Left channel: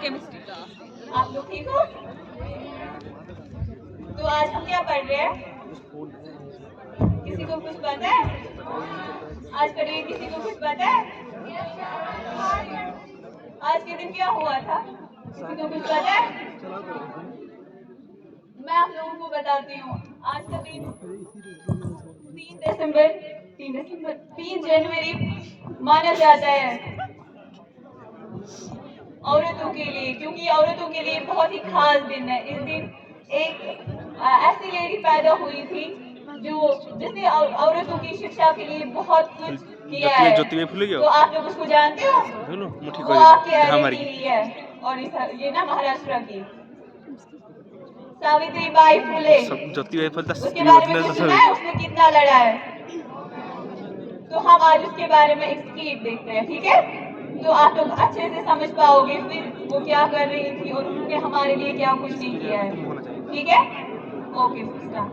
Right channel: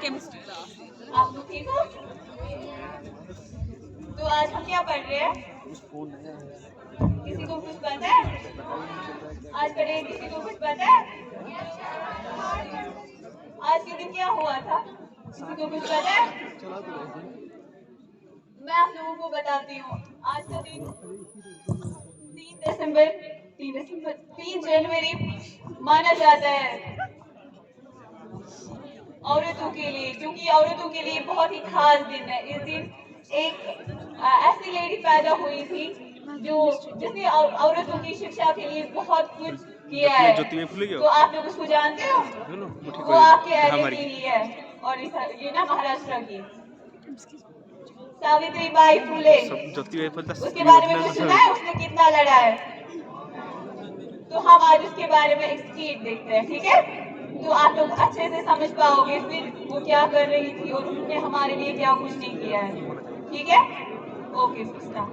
Chemistry. आप लोग ठीक हो? तो आज हम क्या पढ़ रहे हैं? किसी को कुछ पता है? आज का डे किसी को कुछ पता है? आज के दिन क्या हुआ था? किसी को कुछ पता है? मैं आप लोगों को बताती हूँ। आज का दिन 3 जनवरी माना जाता है औरतों के लिए, क्योंकि औरतों के लिए बहुत ही खास दिन है। इस दिन एक ऐसी लेडी पैदा हुई थी जिसने औरतों की शिक्षा के लिए बहुत कुछ किया है। तो आप लोग उसको जानते हो? वो आपके एरिया की ही है, और ये ना महाराष्ट्र की सावित्रीबाई फुले। उसके बारे में कुछ सुना है? उसने कितना लड़ा है? तो हम आज उसके बारे में एक स्पीच देखते हैं, ठीक है? तो आप लोग अच्छे से समझ पाओगे इस दिन वो क्या कर रही थी और उन्होंने हमारे लिए क्या कुछ नहीं किया है, ठीक है? Okay system.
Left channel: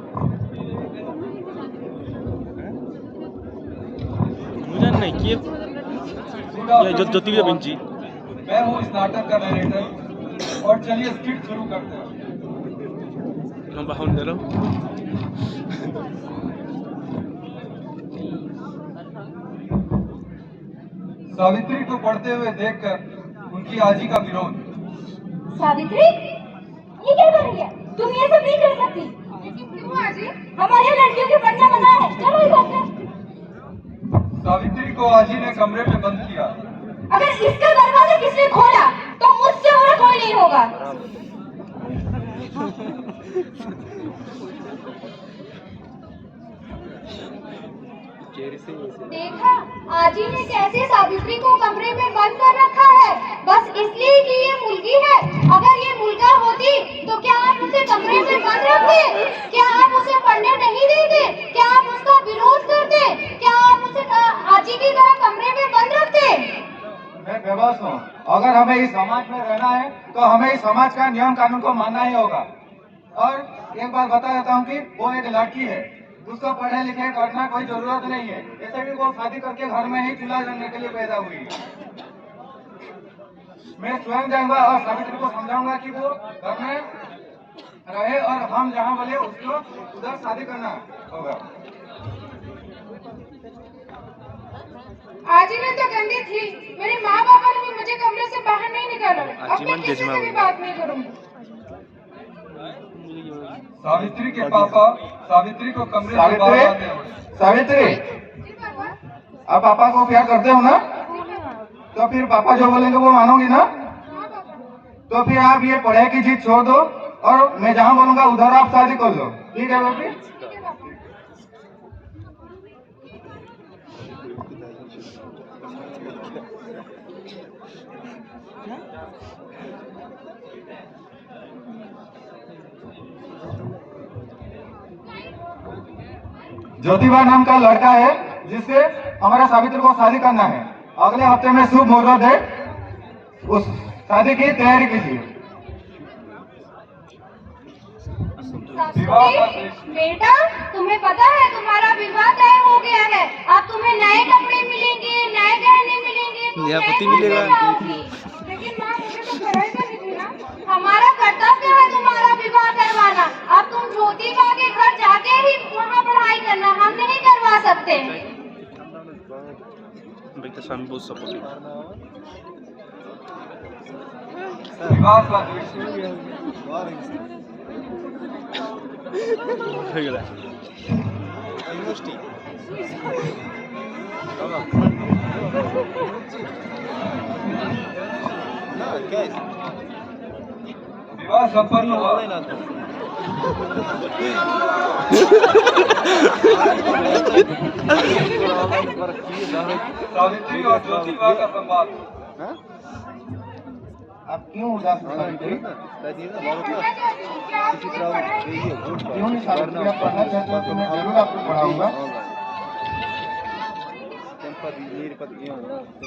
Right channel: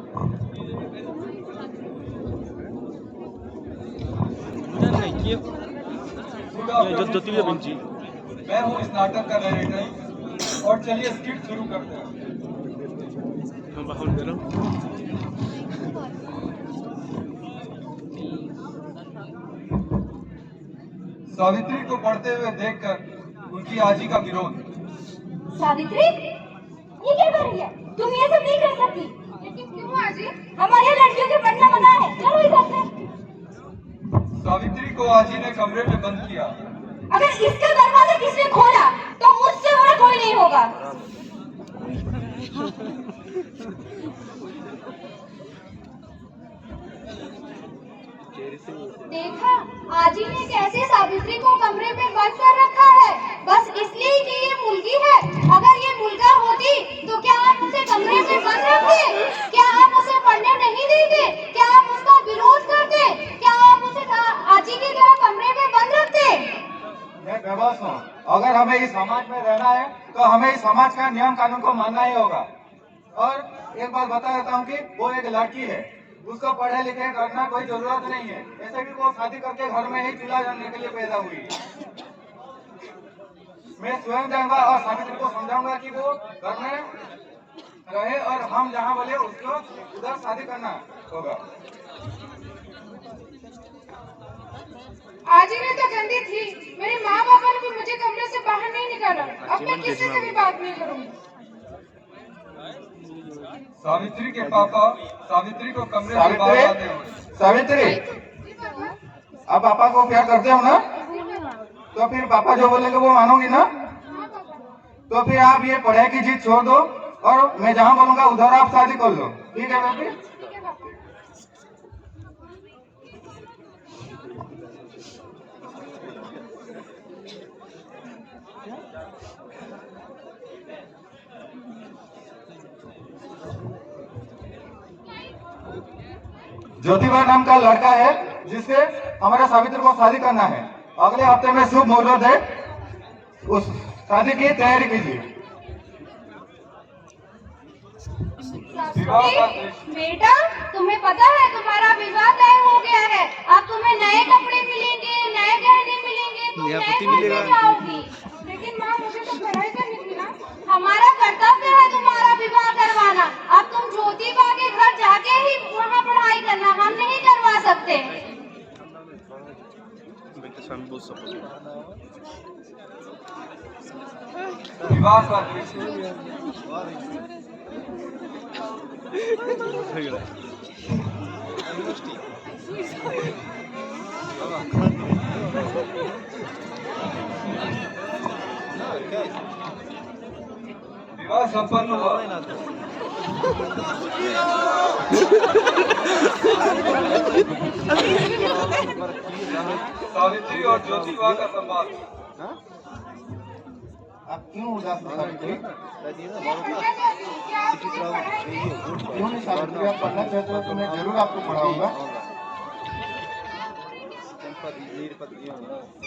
मैं हूँ इस नाटक का नरेटर, और चलिए स्किट शुरू करते हैं। सावित्री को पढ़ते हुए देखकर उनकी आजी का विरोध। सावित्री, ये क्या कर रही है? तुम ये सब नहीं कर सकती। लेकिन क्यों आजी? हमारे लड़कियों के पढ़ना मना है। चलो इधर से। सावित्री को आजी ने कमरे में बंद किया। अगर इसका दरवाजा किसने खोला तो मुझसे बुरा कोई नहीं होगा। देखा, आजी ने कैसे सावित्री को कमरे में बंद कर रखा है, बस इसलिए कि ये मुलगी है। अगर ये मुलगा होती तो क्या आप उसे कमरे में बंद रखते? क्या आप उसे पढ़ने नहीं देते? क्या आप उसका विरोध करते? क्या आप उसे आजी की तरह कमरे में बंद रखते? मैं बेबस हूँ। अगर हमें इस समाज में रहना है तो हमें इस समाज का नियम कानून को मानना ही होगा। और एक बात बता देता हूँ कि वो एक लड़की है, उसको पढ़े लिखे करना कोई जरूरत नहीं है। ऐसे भी वो शादी करके घर में ही चूल्हा जलने के लिए पैदा हुई है। मैं स्वयं जाऊंगा और सावित्री को समझाऊंगा कि वो घर में रहे और हम जहाँ बोले उसको उधर शादी करना होगा। आजी ने तो गंदी थी। मेरे माँ बाबा ने भी मुझे कमरे से बाहर नहीं निकाला। अब मैं किसी से भी बात नहीं करूँगी। सावित्री के पापा सावित्री को कमरे से बाहर आते हैं। सावित्री, आप पापा को प्यार करते हो ना? तो फिर पापा जो बोलेंगे वो मानोगी ना? तो फिर आप ये पढ़ाई की चीज छोड़ दो और मैं जहाँ बोलूंगा उधर आप शादी कर लो, ठीक है बेटी? ज्योतिबा नाम का लड़का है जिससे हमारा सावित्री को शादी करना है। अगले हफ्ते में शुभ मुहूर्त है, उस शादी की तैयारी कीजिए। बेटा, तुम्हें पता है तुम्हारा विवाह तय हो गया है। अब तुम्हें नए कपड़े मिलेंगे, नए गहने मिलेंगे, तुम नए जाओगी। लेकिन माँ, मुझे तो पढ़ाई करनी थी ना। हमारा कर्तव्य है तुम्हारा विवाह करवाना। अब तुम ज्योतिबा के घर जाके ही वहाँ पढ़ाई करना, हम नहीं करवा सकते। विवाह का विवाह संपन्न हुआ। सावित्री और ज्योतिबा का संवाद। आप क्यों उदास हैं सावित्री? क्यों नहीं सावित्री, आप पढ़ना चाहते हो तो मैं जरूर आपको पढ़ाऊंगा।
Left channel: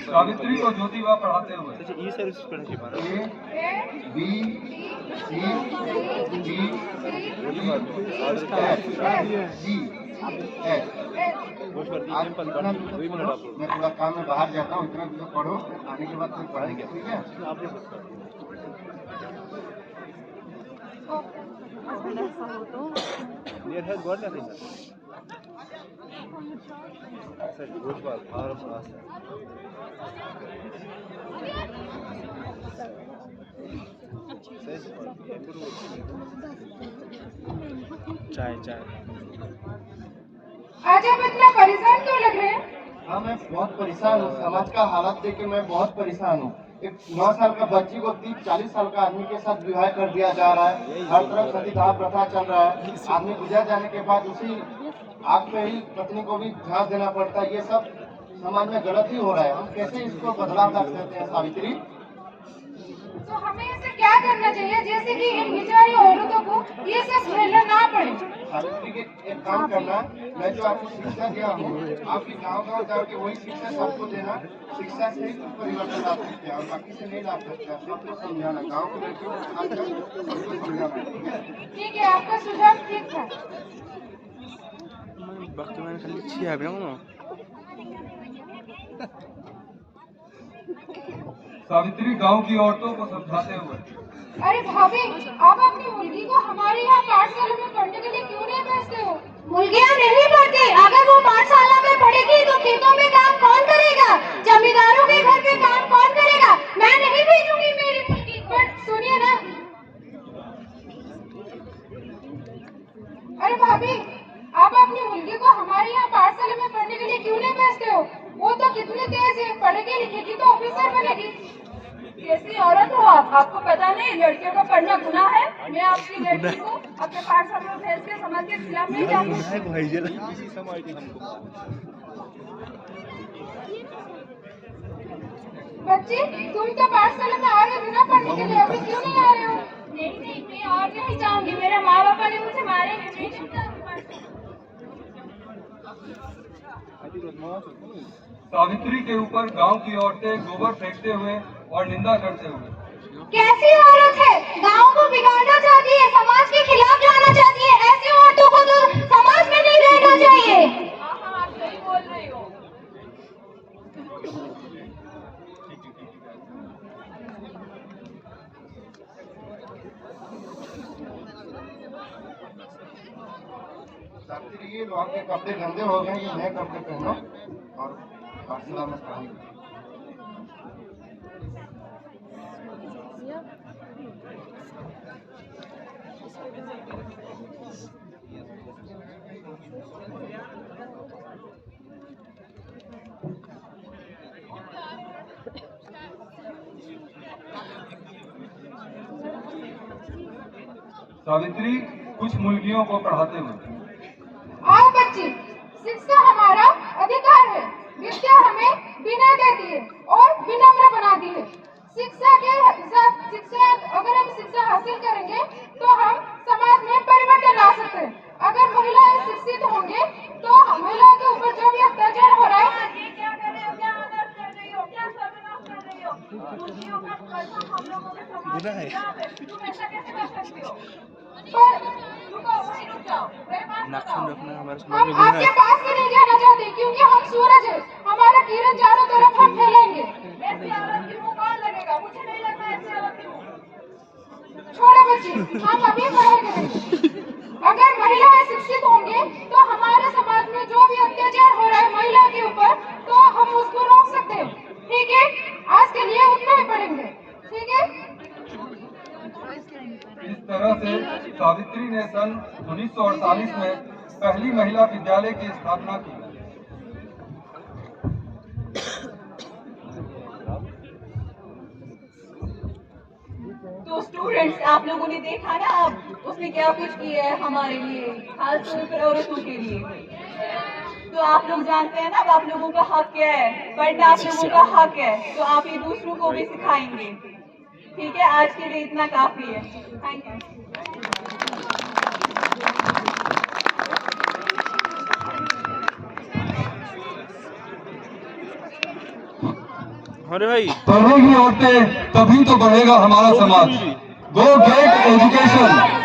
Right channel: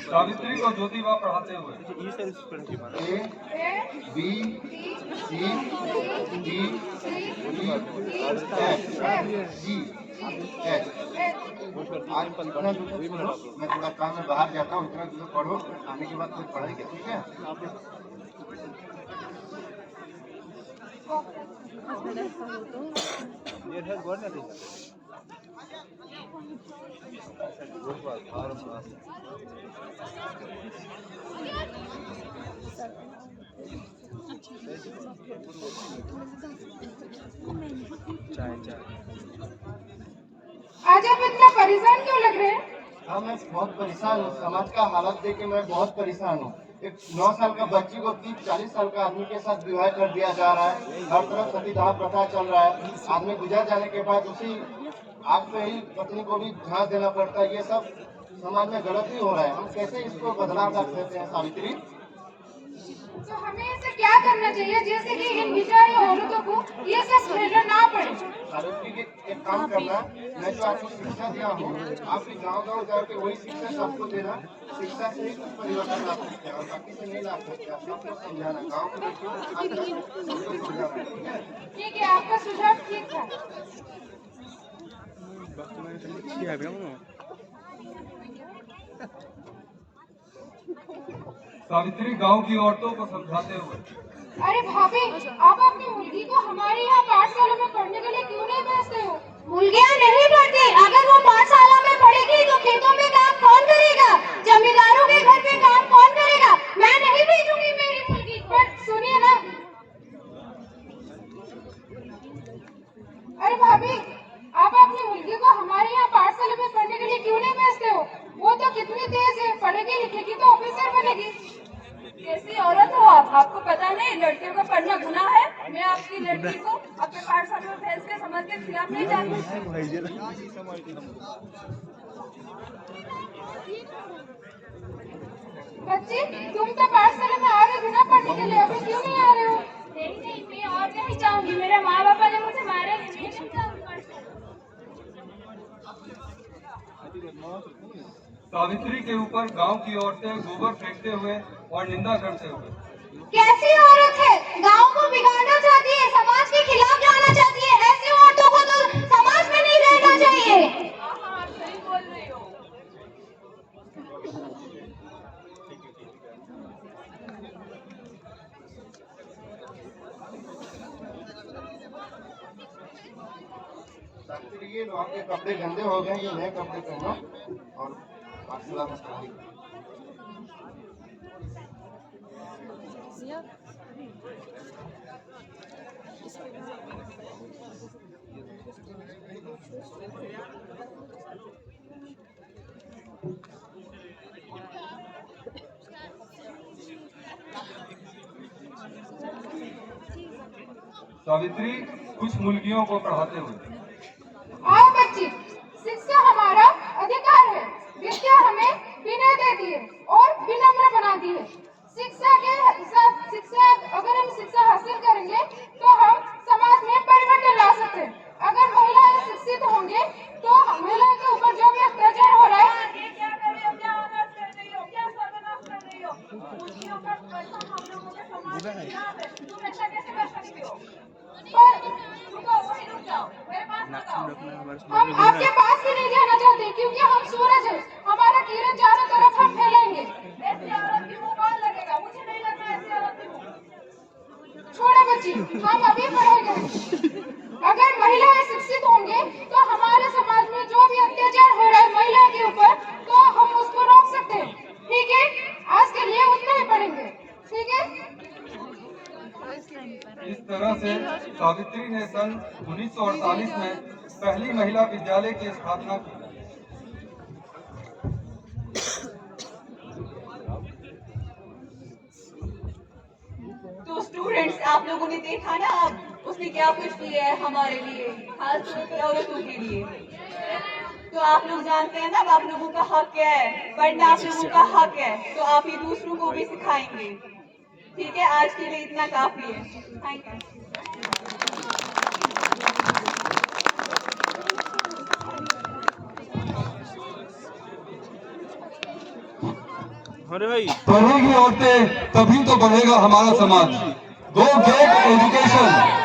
सावित्री को ज्योतिबा पढ़ाते हुए A, B, C, D, E, F, G, H। आज इतना दूर पढ़ो, मैं थोड़ा काम में बाहर जाता हूँ। इतना दूर पढ़ो, आने के बाद फिर पढ़ेंगे, ठीक है? आज आप इतना परेशान क्यों लग रहे हैं? हाँ, मैं बहुत परेशान हूँ। समाज का हालत देख के मैं बहुत परेशान हूँ। एक 9 साल का बच्ची को 30-40 साल का आदमी के साथ विवाह कर दिया जा रहा है। हर तरफ सतीदाह प्रथा चल रहा है। आदमी गुजर जाने के बाद उसी आग पे ही पत्नी को भी झांस देना पड़ता है। ये सब समाज में गलत ही हो रहा है। हम कैसे इसको बदलाव ला सकते हैं सावित्री? तो हमें ऐसे क्या करना चाहिए जैसे कि इन बेचारी औरतों को ये सब झेलना ना पड़े? सावित्री के एक काम करना, मैं जो आपको शिक्षा दिया हूँ, आपकी गाँव जाके वही शिक्षा सबको देना। शिक्षा से ही कुछ परिवर्तन ला सकते हैं और बाकी से नहीं ला सकते। सबको समझाना, गाँव के लोगों को सबको समझाना, ठीक है? ठीक है, आपका सुझाव ठीक था। सावित्री गांव की औरतों को समझाते हुए, अरे भाभी, आप अपनी मुर्गी को हमारे यहाँ पाठशाला में पढ़ने के लिए क्यों नहीं भेजते हो? मुर्गियाँ नहीं पढ़ती। अगर वो पाठशाला में पढ़ेगी तो खेतों में काम कौन करेगा? जमींदारों के घर पे काम कौन करेगा? मैं नहीं भेजूंगी मेरी मुर्गी को। पर सुनिए ना, अरे भाभी, आप अपनी मुर्गी को हमारे यहाँ पाठशाला में पढ़ने के लिए क्यों नहीं भेजते हो? वो तो कितनी तेज है, पढ़ेगी लिखेगी तो ऑफिसर बनेगी। कैसी औरत हो आप? आपको पता नहीं लड़कियों को पढ़ना गुनाह है? मैं आपकी लड़की को अपने पाठशाला में भेज के समाज के खिलाफ नहीं जाऊंगी। बच्ची, तुम तो पाठशाला में आ रहे थे ना पढ़ने के लिए, अभी क्यों नहीं आ रहे हो? नहीं, मैं और नहीं जाऊंगी। मेरे माँ बापा ने मुझे मारेंगे, मैं नहीं जाऊंगी। सावित्री के ऊपर गांव की औरतें गोबर फेंकते हुए और निंदा करते हुए, कैसी औरत है? गांव को बिगाड़ना चाहती है, समाज के खिलाफ जाना चाहती है। ऐसी औरतों को तो समाज में नहीं रहना चाहिए। हाँ, आप सही बोल रही हो। सावित्री, ये लो, आपके कपड़े गंदे हो गए, ये नए कपड़े पहनो और पाठशाला में पढ़ाई करो। सावित्री कुछ मुर्गियों को पढ़ाते हुए, आओ बच्ची, शिक्षा हमारा अधिकार है। विद्या हमें विनय देती है और विनम्र बनाती है। अगर हम शिक्षा हासिल करेंगे तो हम समाज में परिवर्तन ला सकते हैं। अगर महिलाएं शिक्षित होंगे तो महिलाओं के ऊपर जो भी अत्याचार हो रहा है, ये क्या कर रही हो? क्या आदर्श कर रही हो? क्या सर्वनाश कर रही हो? मुर्गियों का पैसा हम लोगों के समाज के खिलाफ है। तुम ऐसा कैसे कर सकती हो? रुको, वहीं रुक जाओ, मेरे पास मत आओ। हम आपके पास भी नहीं जाना चाहते क्योंकि हम सूरज हैं। हमारा किरण चारों तरफ हम फैलेंगे। ऐसी औरत की मुंह कौन लगेगा? मुझे नहीं लगता ऐसी औरत की मुंह। छोड़ो बच्ची, हम अभी पढ़ेंगे। अगर महिलाएं शिक्षित होंगे तो हमारे समाज में जो भी अत्याचार हो रहा है महिला के ऊपर, तो हम उसको रोक सकते हैं। ठीक है, आज के लिए उतना ही पढ़ेंगे। ठीक है। इस तरह से सावित्री ने सन 1948 में पहली महिला विद्यालय की स्थापना की। तो स्टूडेंट्स, आप लोगों ने देखा ना अब उसने क्या कुछ किया है हमारे लिए, खासतौर पर औरतों के लिए। तो आप लोग जानते हैं ना अब आप लोगों का हक क्या है, पढ़ना आप लोगों का हक है, तो आप ये दूसरों को भी सिखाएंगे। ठीक है, आज के लिए इतना काफी है। Thank you. अरे भाई, पढ़ेगी औरतें तभी तो बढ़ेगा हमारा समाज। गो गेट एजुकेशन।